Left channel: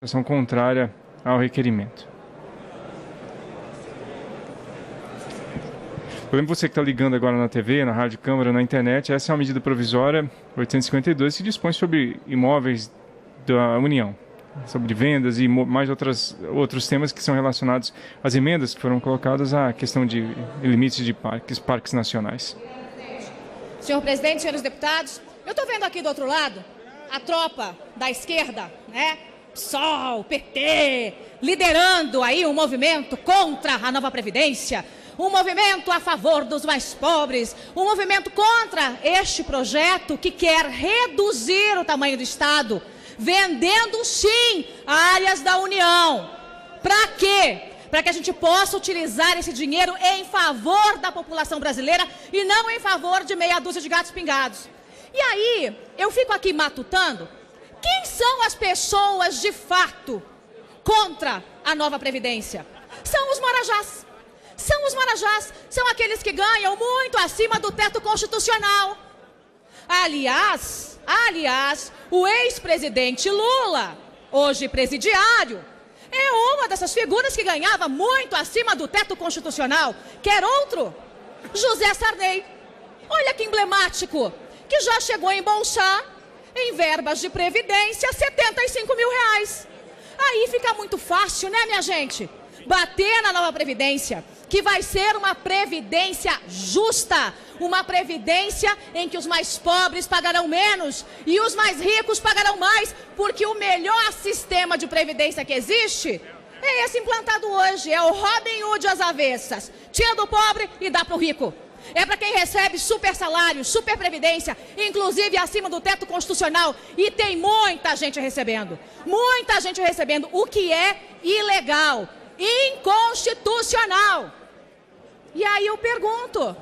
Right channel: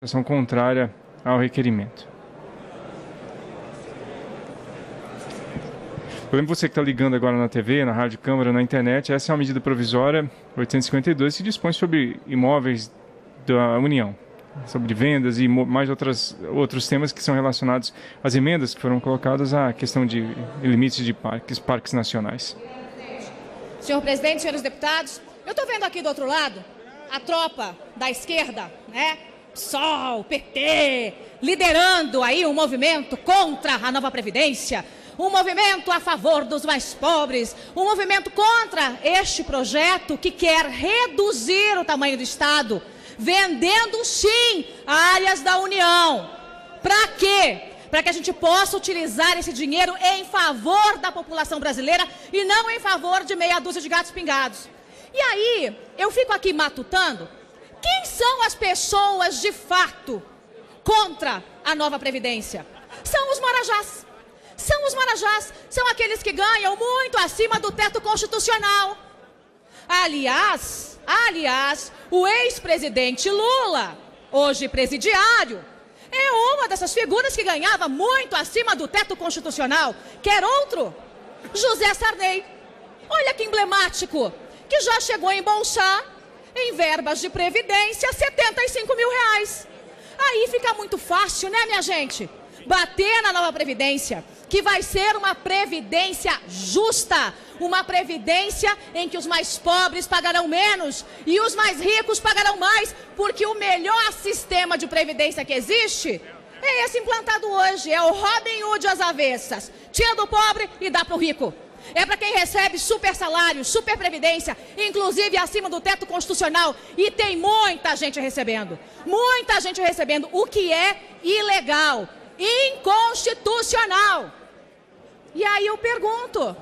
Ação contrária ao requerimento. Eu lembro você que está ligando agora na TV, na rádio, câmara, na internet. Essa é uma medida provisória 852 que dispõe sobre imóveis da União, sobre vendas e mais outros temas que são relacionados às emendas que foram colocadas à questão de limites de parques nacionais. Senhor presidente, senhores deputados, eu estou vendo aqui do outro lado a tropa da esquerda, né? PSOL, PT, liderando aí um movimento contra a nova Previdência, um movimento a favor dos mais pobres, um movimento contra este projeto que quer reduzir o tamanho do Estado, vendendo sim áreas da União. Para quê? Para que a gente possa utilizar esse dinheiro em favor da população brasileira e não em favor de meia dúzia de gatos pingados. E aí, eu fico aqui matutando, quem são as pessoas de fato contra a nova Previdência? São os marajás. São os marajás, são aqueles que ganham muito acima do teto constitucional. Aliás, o ex-presidente Lula, hoje presidiário, é uma dessas figuras que ganhava muito acima do teto constitucional. Quer outro? José Sarney. Olha que emblemático, que já chegou a embolsar em verbas de previdência 75 mil reais. Aí fica muito fácil, né, minha gente? Bater na nova Previdência, que vai ser uma Previdência justa, uma Previdência em que os mais pobres pagarão menos e os mais ricos pagarão mais, porque o melhor sistema de Previdência que existe é esse implantado hoje, é o Robin Hood às avessas, tira do pobre e dá para o rico. É para quem recebe super salário, super previdência, inclusive acima do teto constitucional. E tem muita gente recebendo, o que é ilegal, inconstitucional. E aí eu pergunto,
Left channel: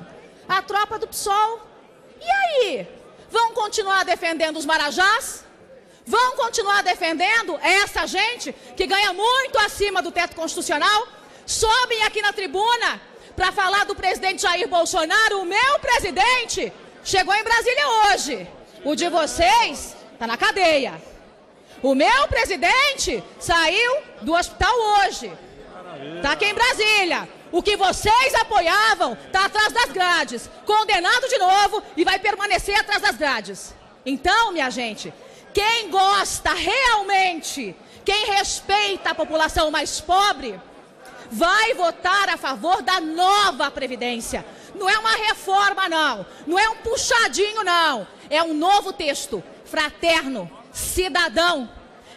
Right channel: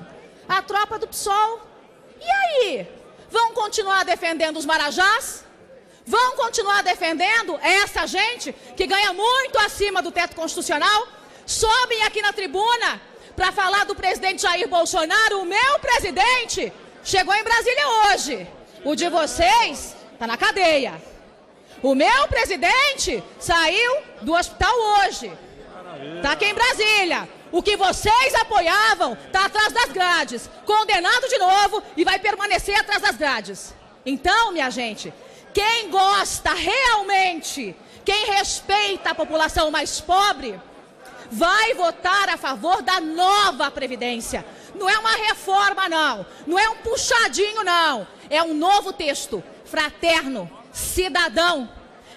a tropa do PSOL, e aí? Vão continuar defendendo os marajás? Vão continuar defendendo essa gente que ganha muito acima do teto constitucional? Sobem aqui na tribuna para falar do presidente Jair Bolsonaro. O meu presidente chegou em Brasília hoje. O de vocês está na cadeia. O meu presidente saiu do hospital hoje. Está aqui em Brasília. O que vocês apoiavam está atrás das grades. Condenado de novo e vai permanecer atrás das grades. Então, minha gente, quem gosta realmente, quem respeita a população mais pobre, vai votar a favor da nova Previdência. Não é uma reforma, não. Não é um puxadinho, não. É um novo texto, fraterno, cidadão,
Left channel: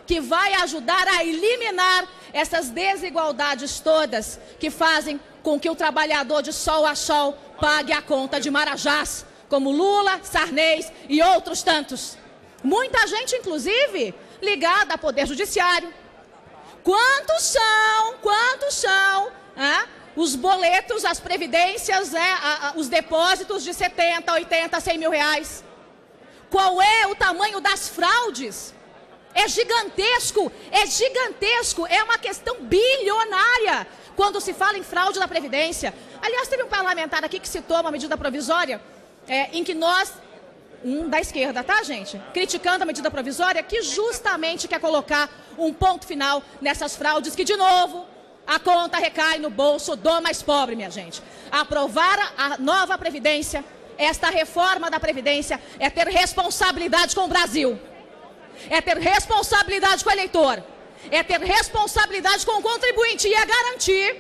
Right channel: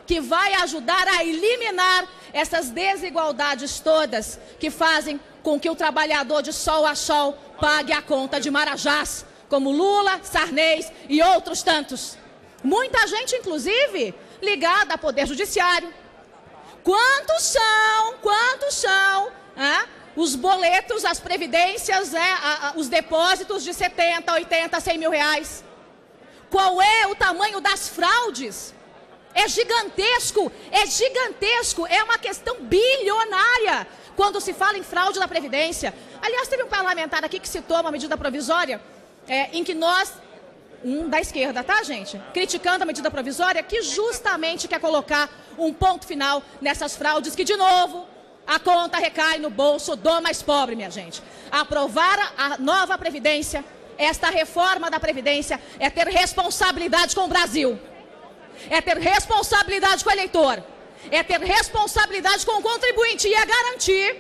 que vai ajudar a eliminar essas desigualdades todas que fazem com que o trabalhador de sol a sol pague a conta de marajás, como Lula, Sarney e outros tantos. Muita gente, inclusive, ligada ao Poder Judiciário. Quantos são os boletos, as previdências, os depósitos de 70, 80, 100 mil reais? Qual é o tamanho das fraudes? É gigantesco, é uma questão bilionária quando se fala em fraude da Previdência. Aliás, teve um parlamentar aqui que citou uma medida provisória em que nós, da esquerda, tá, gente? Criticando a medida provisória que justamente quer colocar um ponto final nessas fraudes que, de novo, a conta recai no bolso do mais pobre, minha gente. Aprovar a nova Previdência, esta reforma da Previdência, é ter responsabilidade com o Brasil. É ter responsabilidade com o eleitor. É ter responsabilidade com o contribuinte e é garantir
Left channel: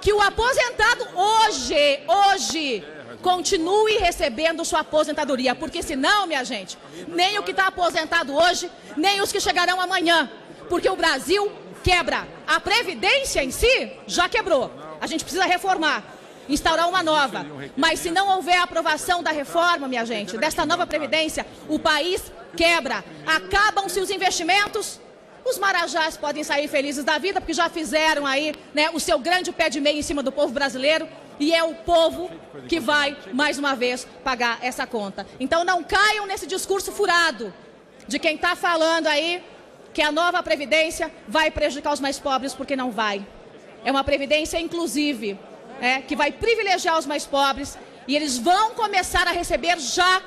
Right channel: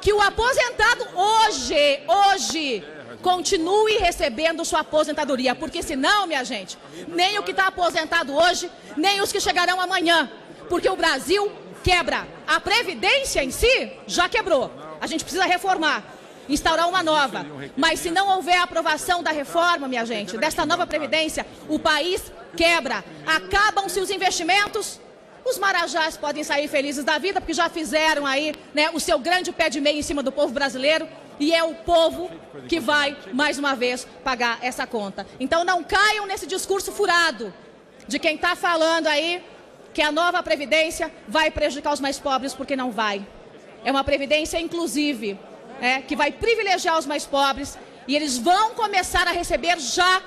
que o aposentado hoje continue recebendo sua aposentadoria, porque senão, minha gente, nem o que está aposentado hoje, nem os que chegarão amanhã, porque o Brasil quebra. A Previdência em si já quebrou. A gente precisa reformar, instaurar uma nova. Mas se não houver a aprovação da reforma, minha gente, desta nova Previdência, o país quebra. Acabam-se os investimentos. Os marajás podem sair felizes da vida, porque já fizeram aí, né, o seu grande pé de meia em cima do povo brasileiro. E é o povo que vai, mais uma vez, pagar essa conta. Então não caiam nesse discurso furado de quem está falando aí que a nova Previdência vai prejudicar os mais pobres, porque não vai. É uma Previdência inclusive, que vai privilegiar os mais pobres e eles vão começar a receber já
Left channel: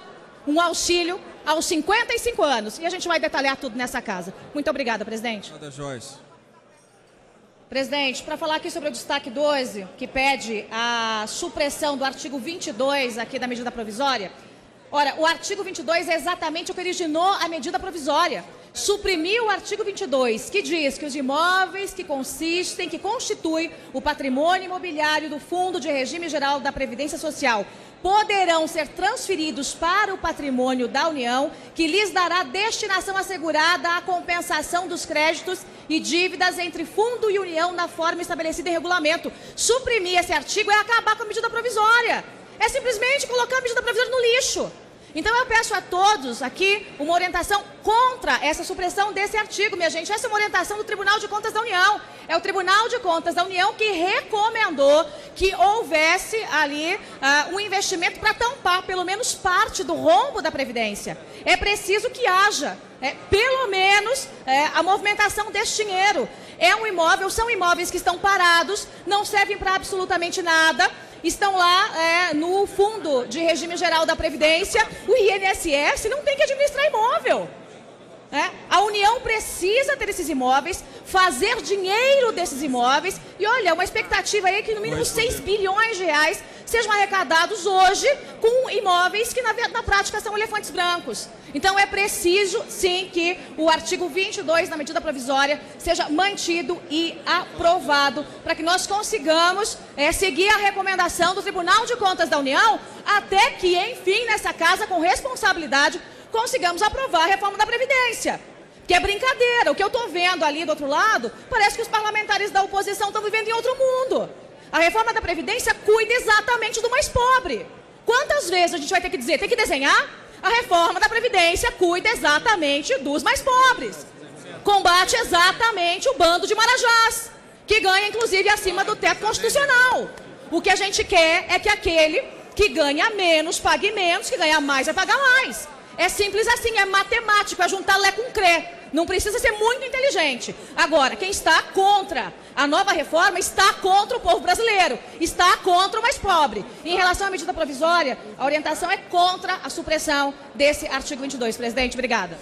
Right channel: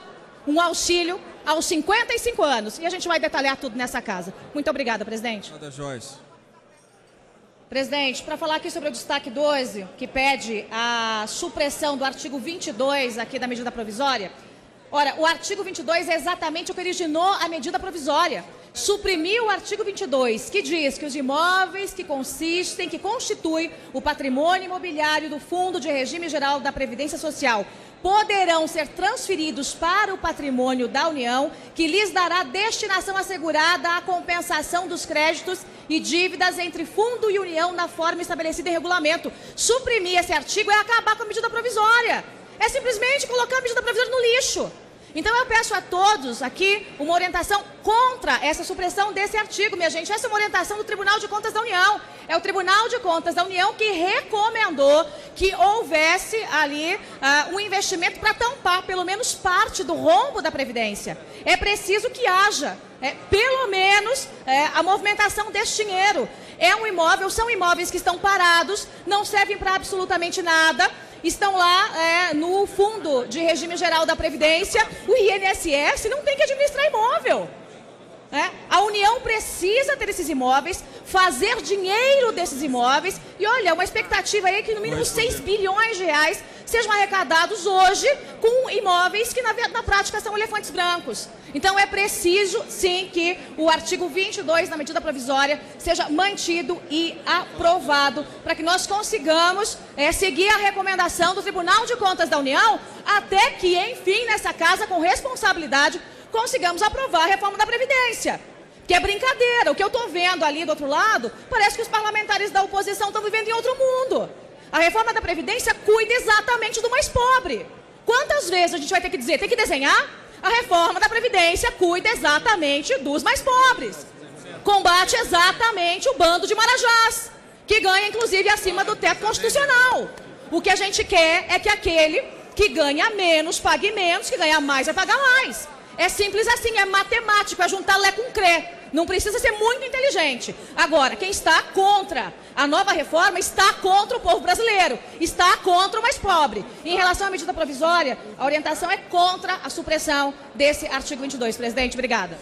um auxílio aos 55 anos. E a gente vai detalhar tudo nessa casa. Muito obrigada, presidente. Joyce. Presidente, para falar aqui sobre o destaque 12, que pede a supressão do artigo 22 aqui da medida provisória. Ora, o artigo 22 é exatamente o que originou a medida provisória. Suprimiu o artigo 22, que diz que os imóveis que constituem o patrimônio imobiliário do Fundo de Regime Geral da Previdência Social poderão ser transferidos para o patrimônio da União, que lhes dará destinação assegurada à compensação dos créditos e dívidas entre Fundo e União na forma estabelecida em regulamento. Suprimir esse artigo é acabar com a medida provisória. É simplesmente colocar a medida provisória no lixo. Então eu peço a todos aqui uma orientação contra essa supressão desse artigo, minha gente. Essa é uma orientação do Tribunal de Contas da União. É o Tribunal de Contas da União que recomendou que houvesse ali um investimento para tampar pelo menos parte do rombo da Previdência. É preciso que haja pelo menos a movimentação desse dinheiro. É um imóvel, são imóveis que estão parados, não servem para absolutamente nada. Estão lá no Fundo de Regime Geral da Previdência. O INSS não tem que administrar imóvel. A União precisa ter esses imóveis, fazer dinheiro desses imóveis. E olha, uma expectativa aí que no mínimo 6 bilhões de reais sejam arrecadados hoje com imóveis que na prática são elefantes brancos. Então é preciso sim que o artigo 22 da medida provisória seja mantido e aprovado para que nós consigamos seguir a recomendação do Tribunal de Contas da União até que, enfim, nessa casa, com responsabilidade, consigamos aprovar a reforma da Previdência. Que é brincadeira. O que eu estou vendo ali do outro lado, parece que os parlamentares da oposição estão vivendo em outro mundo. A reforma da Previdência cuida exatamente do mais pobre. Quantas vezes a gente vai ter que dizer, tem que desenhar? A reforma da Previdência cuida exatamente dos mais pobres. Combate exatamente o bando de marajás, que ganha inclusive acima do teto constitucional. O que a gente quer é que aquele que ganha menos pague menos, que ganha mais vai pagar mais. É simples assim, é matemático, é juntar Lé com Crê. Não precisa ser muito inteligente. Agora, quem está contra a nova reforma está contra o povo brasileiro, está contra o mais pobre. Em relação à medida provisória, a orientação é contra a supressão desse artigo 22. Presidente, obrigada.